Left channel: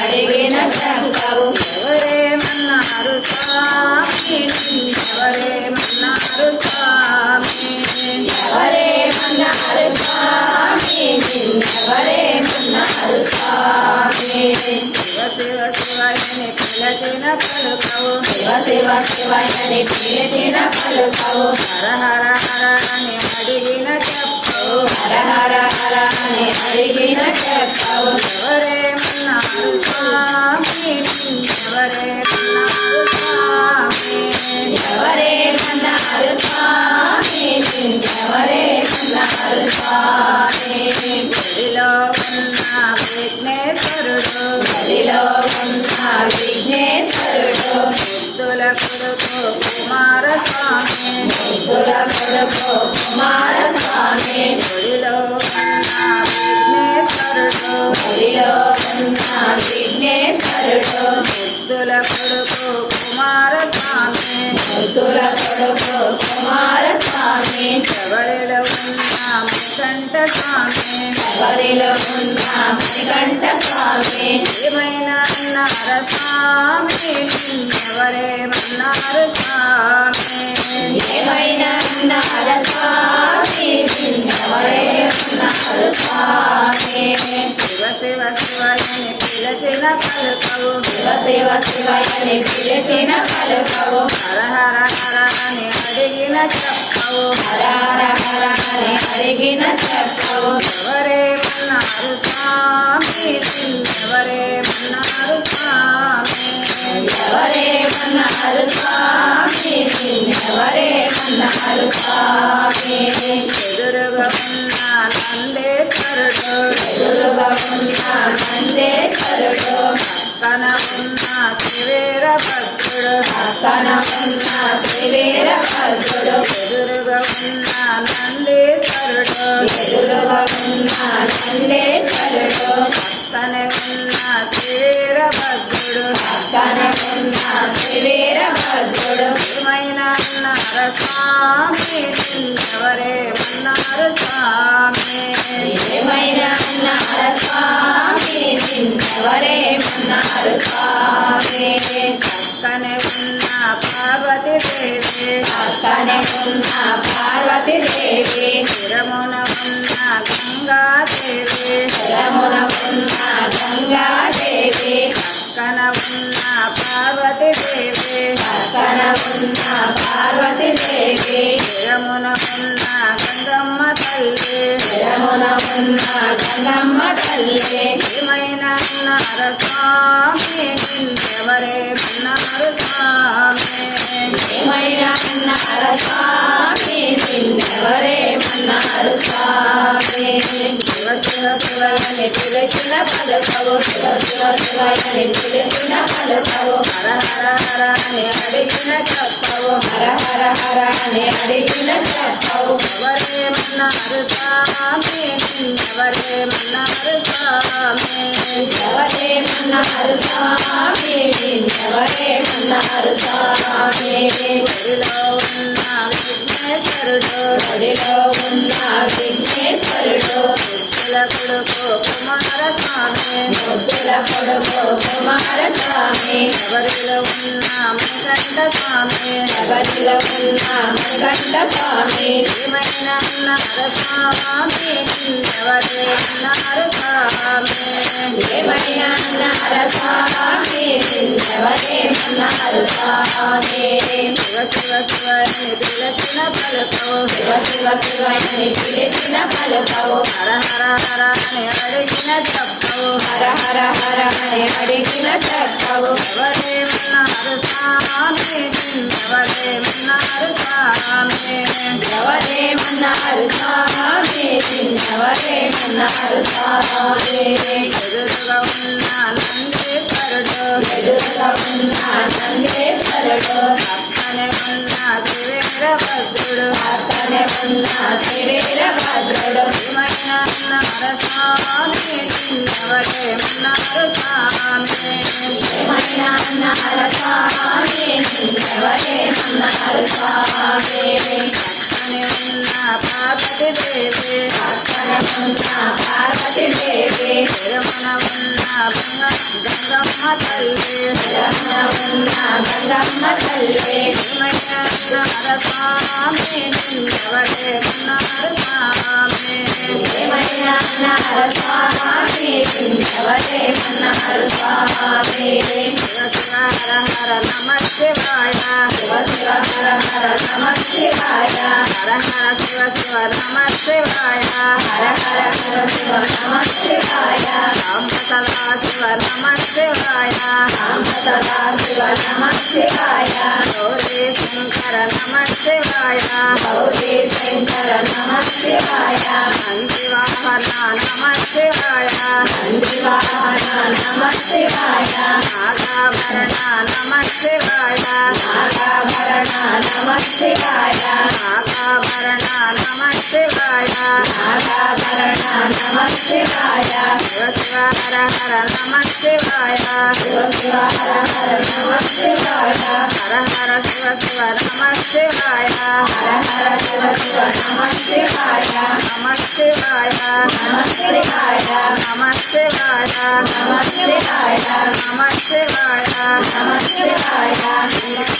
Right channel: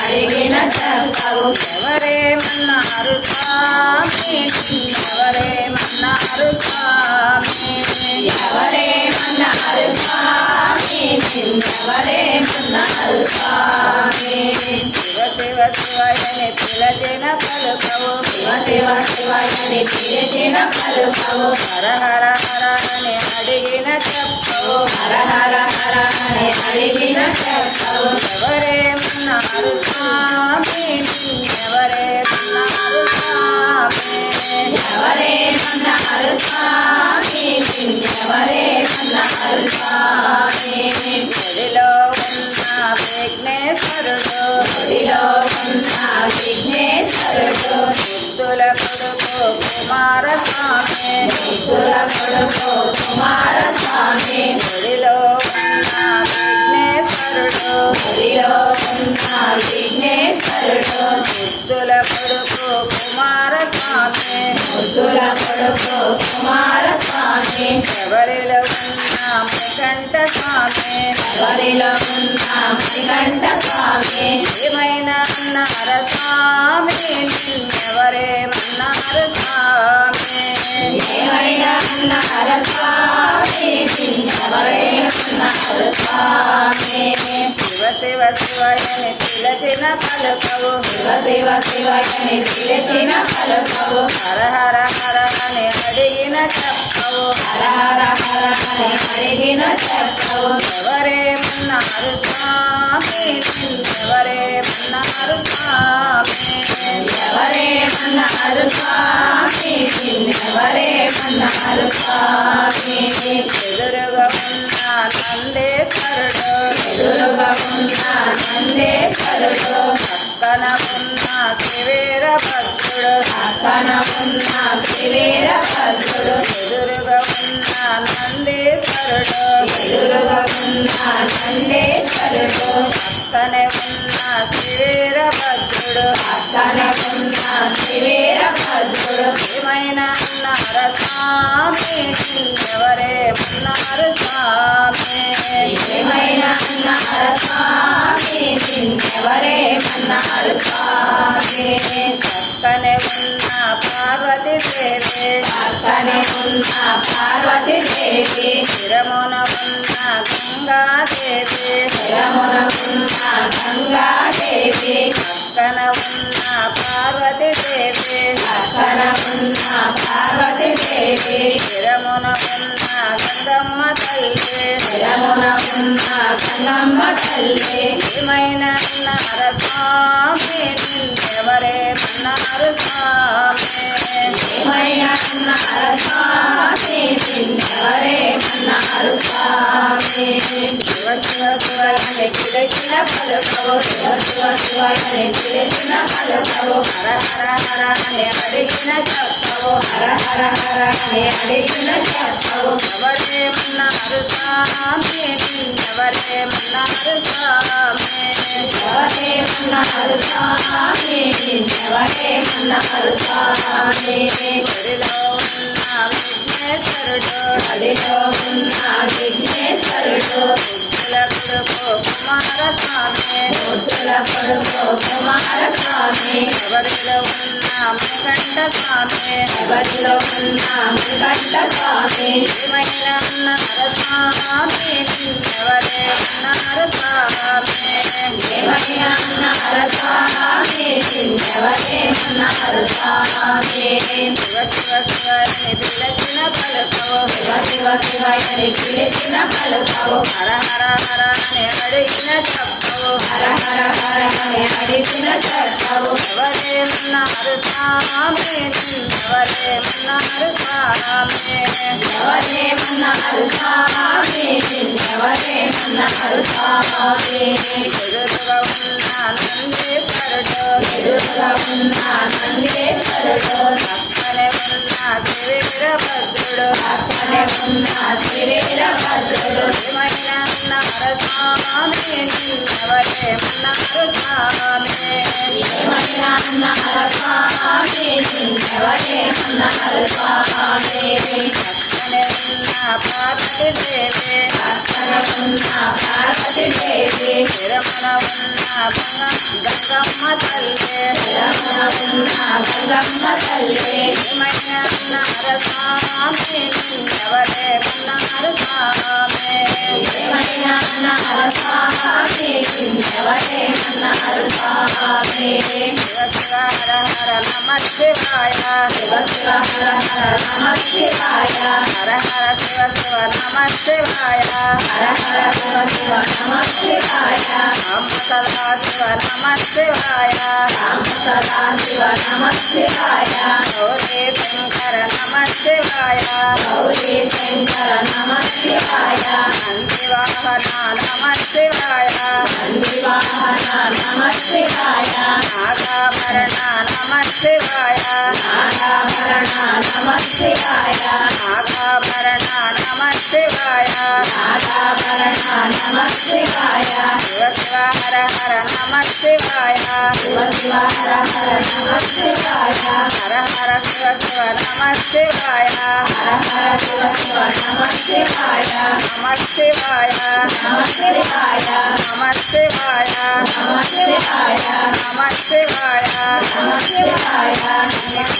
అడిగిన చెప్పవు ఎవరేమన్నారు స్వామి ఎవరేమన్నారు స్వామి ఎవరేమన్నారు స్వామి ఎవరేమన్నారు స్వామి శివ శివ శివయని పిలచిన పలుకవు శివ శివ శివయని పిలిచిన పలుకవు హర హర హర అని అడిగిన చెప్పవు హర హర హర అని అడిగిన చెప్పవు ఎవరేమన్నారు స్వామి ఎవరేమన్నారు స్వామి ఎవరేమన్నారు స్వామి ఎవరేమన్నారు స్వామి గదిలో ఉన్న విఘ్నేశ్వరుడు గదిలో ఉన్న విఘ్నేశ్వరుడు బుద్ధుల కొడుకు కుమారస్వామి బుద్ధుల కొడుకు కుమారస్వామి గదిలో ఉన్న విఘ్నేశ్వరుడు గదిలో ఉన్న విఘ్నేశ్వరుడు బుద్ధుల కొడుకు కుమారస్వామి బుద్ధుల కొడుకు కుమారస్వామి శబరిలో ఉన్న ముకంఠ స్వామి ఎవరిలో ఉన్న మణికంఠ స్వామి ఏమైనా నరస్వామి ఎవరేమన్నారు స్వామి ఏమైనా అన్నారు స్వామి ఎవరేమన్నారు స్వామి శివ శివ శివయని పిలచిన పలుకవు శివ శివ శివయని పిలిచిన పలుకవు హర హర హర అని అడిగిన చెప్పవు హర హర హర అని అడిగిన చెప్పవు ఎవరేమన్నారు స్వామి ఎవరేమన్నారు స్వామి ఎవరేమన్నారు స్వామి ఎవరేమన్నారు స్వామి ఎదురుగా ఉన్న నందేశ్వరుడు ఎదురుగా ఉన్న నందేశ్వరుడు పక్కన ఉన్న త్రివీరభద్రుడు పక్కన ఉన్న త్రివీరభద్రుడు ఎదురుగా ఉన్న నందేశ్వరుడు ఎదురుగా ఉన్న నందేశ్వరుడు పక్కనే ఉన్న త్రివీరభద్రుడు పక్కనే ఉన్న త్రివీరభద్రుడు ఏమైనా నరస్వామి ఎవరేమన్నారు స్వామి ఏమైనా అన్నారు స్వామి ఎవరేమన్నారు స్వామి పక్కనే ఉన్న పార్వతీదేవి పక్కనే ఉన్న పార్వతీదేవి శిరమున ఉన్న గంగాదేవి శరమున ఉన్న గంగాదేవి పక్కన ఉన్న పార్వతీదేవి పక్కన ఉన్న పార్వతీదేవి శిరమున ఉన్న గంగమ్మ తల్లి శరమున ఉన్న గంగమ్మ తల్లి ఏమైనా నరస్వామి ఎవరేమన్నారు స్వామి ఏమైనా అన్నారు స్వామి ఎవరేమన్నారు స్వామి శివ శివ శివయని పిలిచిన పలుకవు శివ శివ శివయని పిలిచిన పలుకవు హర హర హర అని అడిగిన చెప్పవు హర హర హర అని అడిగిన చెప్పవు ఎవరేమన్నారు స్వామి ఎవరేమన్నారు స్వామి ఎవరేమన్నారు స్వామి ఎవరేమన్నారు స్వామి గదిలో ఉన్న విఘ్నేశ్వరుడు గదిలో ఉన్న విఘ్నేశ్వరుడు బుద్ధుల కొడుకు కుమారస్వామి బుద్ధుల కొడుకు కుమారస్వామి ఎవరిలో ఉన్న ముకంఠ స్వామి గదిలో ఉన్న మణికంఠ స్వామి ఏమైనా నరస్వామి ఎవరేమన్నారు స్వామి ఏమైనా అన్నారు స్వామి ఎవరేమన్నారు స్వామి శివ శివ శివని పిలిచిన పలుకవు శివ శివ శివయని పిలిచిన పలుకవు హర హర హర అని అడిగిన చెప్పవు హర హర హర అని అడిగిన చెప్పవు ఎవరేమన్నారు స్వామి ఎవరేమన్నారు స్వామి ఎవరేమన్నారు స్వామి ఎవరేమన్నారు స్వామి ఎదురుగా ఉన్న నందీశ్వరుడు ఎదురుగా ఉన్న నందేశ్వరుడు పక్కనే ఉన్న త్రివీరభద్రుడు పక్కనే ఉన్న త్రివీరభద్రుడు ఏమైనా నరస్వామి ఎవరేమన్నారు స్వామి ఏమైనా అన్నారు స్వామి ఎవరేమన్నారు స్వామి పక్కనే ఉన్న పార్వతి దేవి ఉన్న పార్వతి దేవి తిరుమల ఉన్న గంగమ్మ తల్లి ఉన్న గంగమ్మ తల్లి ఏమయ్య నరస్వామి నిన్నెవరే కన్నారు స్వామి ఏమైనా ఉన్నారు స్వామి ఎవరే ఉన్నారు స్వామి శివ శివ హర హర నమ శివాయ శివ శివ హర హర నమ శివాయ హర హర శివ శివ నమ శివాయ హర హర శివ శివ నమ శివాయ రామ సదా శివ నమ శివాయ రామ సదా శివ నమ శివాయ గౌరీ శంకర నమ శివాయ గౌరీ శంకర నమ శివాయ నందివాహన నమ శివాయ సంజీవాహన నమ శివాయ నాగాభరణ నమ శివాయ నాగాభరణ నమ శివాయ నాగాభరణ నమ శివాయ నాగాభరణ నమ శివాయ శివ శివ హర హర నమ శివాయ శివ శివ హర హర నమ శివాయ హర హర శివ శివ నమ శివాయ హర హర శివ శివ నమ శివాయ నమ శివాయ నమ శివాయ నమ శివాయ నమ శివాయ నమ శివాయ నమ శివాయ